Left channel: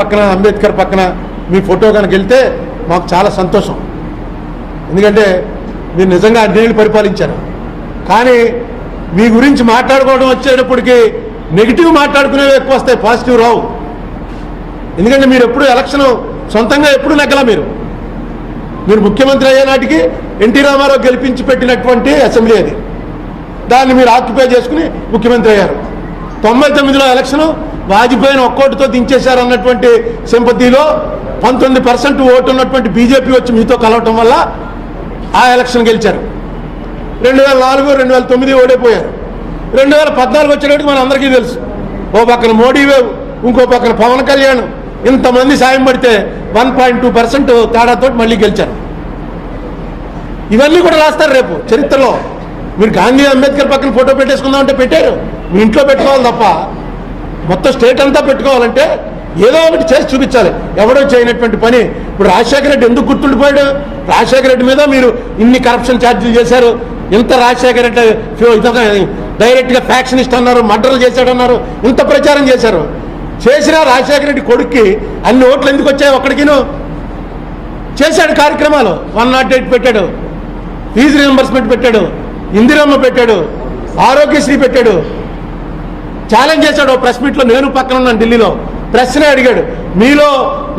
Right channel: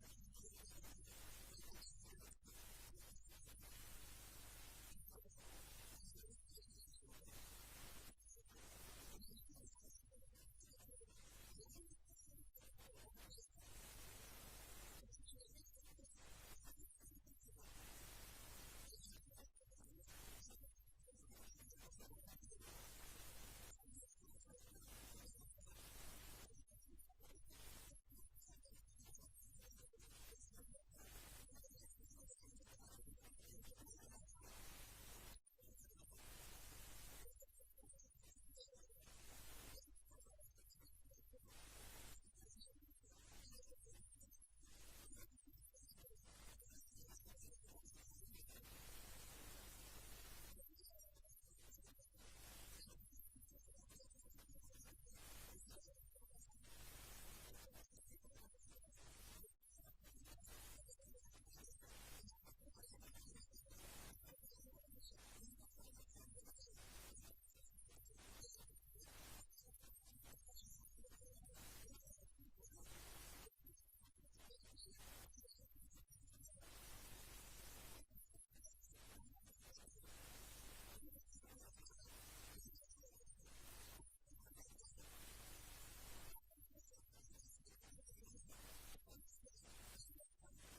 పక్కన అంబేద్కర్ పక్కన మీ ఫోటో కనుక వెళ్తే మాకు చాలా సంతోషం. ఎందుకంటే మీరు నిజంగా అన్నేళ్ళు పరిపాలించారు. కానీ మీ గురించి మాట్లాడుకోవడం వచ్చేటప్పటికి నెగిటివ్ మాట్లాడుకునేవి ఎక్కువ వస్తాయి, పాజిటివ్ రావు. ఎందుకంటే మీరు ఎప్పుడు ఎలక్షన్ సొంతంగా ఎప్పుడు నెగ్గలా. మీరు ముఖ్యమంత్రి అయ్యే నాటికి ఎన్టీ రామారావు గెలిపించి పెట్టినటువంటి అసెంబ్లీ అది. దాన్ని మీరు ఆక్యుపై చేసుకుని ముఖ్యమంత్రి అయ్యారు. 99లో ఎలక్షన్ వాజ్పేయిని ఒక్కోటితో దించేశారు అన్నటువంటి సింపతిలో 19% ఓటు ఉన్నటువంటి బీజేపీ వచ్చి మీతో కలవటం వల్ల ఆ ఎలక్షన్ గెలిచారు. 2004, 2009 ఓడిపోయారు. 2014 వచ్చేటప్పుడు మన అందరికీ తెలుసు. ఓ పక్కన మోడీ వేవ్, ఇంకో పక్కన పవన్ కళ్యాణ్, ఇంతమంది సాయం పడితే 1.2% తేడాతో మళ్ళీ గెలిచారు. ఇవన్నీ కూడా రాస్తారు రేపు చరిత్రలో. మీరు గాంధీ అంబేద్కర్ పక్కన ఫోటో పెట్టేసుకుందామంటే పెట్టారు. మీ ఇంట్లో పెట్టుకోవాలి తప్ప మొత్తం స్టేట్ అంతా పెట్టుకోవాలంటే ఏదో ఒకటి చేసి చూపించాలి. ఎవడో చేయనటువంటి పని. ఇప్పుడు రాజశేఖర రెడ్డి ఎందుకు గుర్తుండిపోయాడు? రాజశేఖర రెడ్డి మీద మీరు ఇన్ని కరప్షన్ ఛార్జీలు చేశారు. ఇంత రాజశేఖర రెడ్డి డైరెక్ట్గా ఫ్యాక్షనిస్ట్ అన్నారు, మర్డర్లు చేశాడన్నారు, ఇంత ప్రచారం చేశారు. చేసినా రాజశేఖర రెడ్డి కొడుక్కి అన్ని ఓట్లు ఎందుకు వచ్చాయి? ఒక్కడికిను చేశాడు కార్యక్రమాలు. 108 పెట్టాడు, ఫీజు రీయింబర్స్మెంట్ పెట్టాడు, ఇందిరమ్మ పెట్టాడు, ఆరోగ్యశ్రీ పెట్టాడు. ఛాలెంజ్ చేశాడు ప్రెస్ మీట్లో. నేను పక్కన ఉన్నాను ఢిల్లీలో. ప్రశ్నే అడిగాడు, మీలో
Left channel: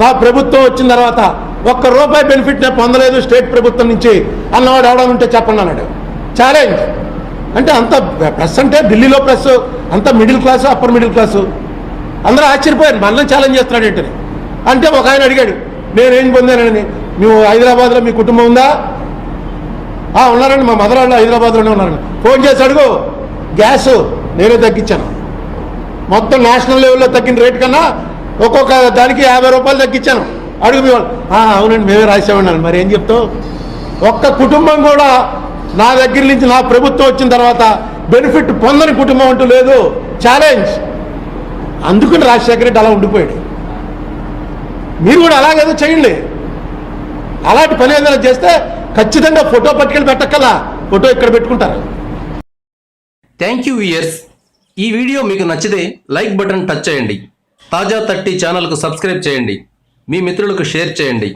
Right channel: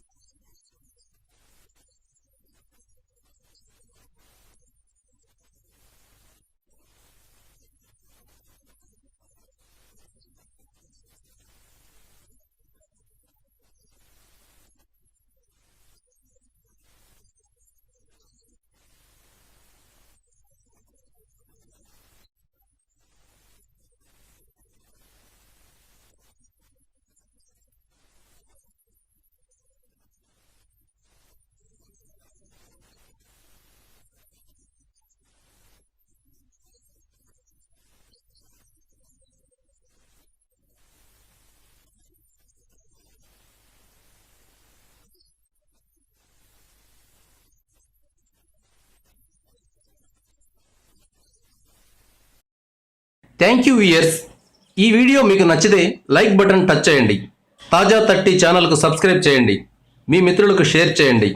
నా ప్రభుత్వం వచ్చిన తర్వాత ₹1 బెనిఫిట్ నేను పొందలేదు స్టేట్ ప్రభుత్వం నుంచి అన్నవాడు ఎవడని ఉంటే చెప్పండి అన్నాడు. ఛాలెంజ్ అంటే అంత ప్రెస్ అంటే ఢిల్లీలో ప్రెస్ అంత middle class, upper middle class. అందరూ ఆశ్చర్యపోయారు, మనల్ని ఛాలెంజ్ చేస్తున్నాడు ఏంటని. అంటే ఒక ఆయన అడిగాడు, నేనేం పొందానని. నువ్వు హైదరాబాద్లో మీ కుటుంబం ఉందా? ఉన్నారండి, మా మదర్ వాళ్ళు హైదరాబాద్లోనే ఉన్నారండి. ఫోన్ చేసి అడుగు. గ్యాస్ నేనే తగ్గించాను. మొత్తం నేషనల్ లెవెల్లో తగ్గిన రేటు కన్నా ఒక్కొక్క దానికి ₹50 తగ్గించాను. అడుగు మీ వాళ్ళు. అవునండి మేమే రాసామన్నాను. మరి ఏం చెప్తావు? ఒక్క కుటుంబం కూడా నా దగ్గర నుంచి నా ప్రభుత్వం వచ్చిన తర్వాత బెనిఫిట్ పొందని కుటుంబం అంటూ లేదు. ఛాలెంజ్. అందుకని రాజశేఖర రెడ్డి అలా ఉండిపోయాడు. మీరు కూడా అలాగేదో చేయండి. అలాంటి పని ఏదైనా చేస్తే ఖచ్చితంగా ఫోటో పట్టుకెళ్ళి పెట్టక్కలా. ఫోటో ఇక్కడ పెట్టుకుంటారు. Thank you viewers. ఈ వీడియో మీకు నచ్చితే లైక్ బటన్ టచ్ చేయండి. తాజా 30 ఛానల్కు సబ్స్క్రైబ్ చేయండి. మీ మిత్రులకు షేర్ చేయండి.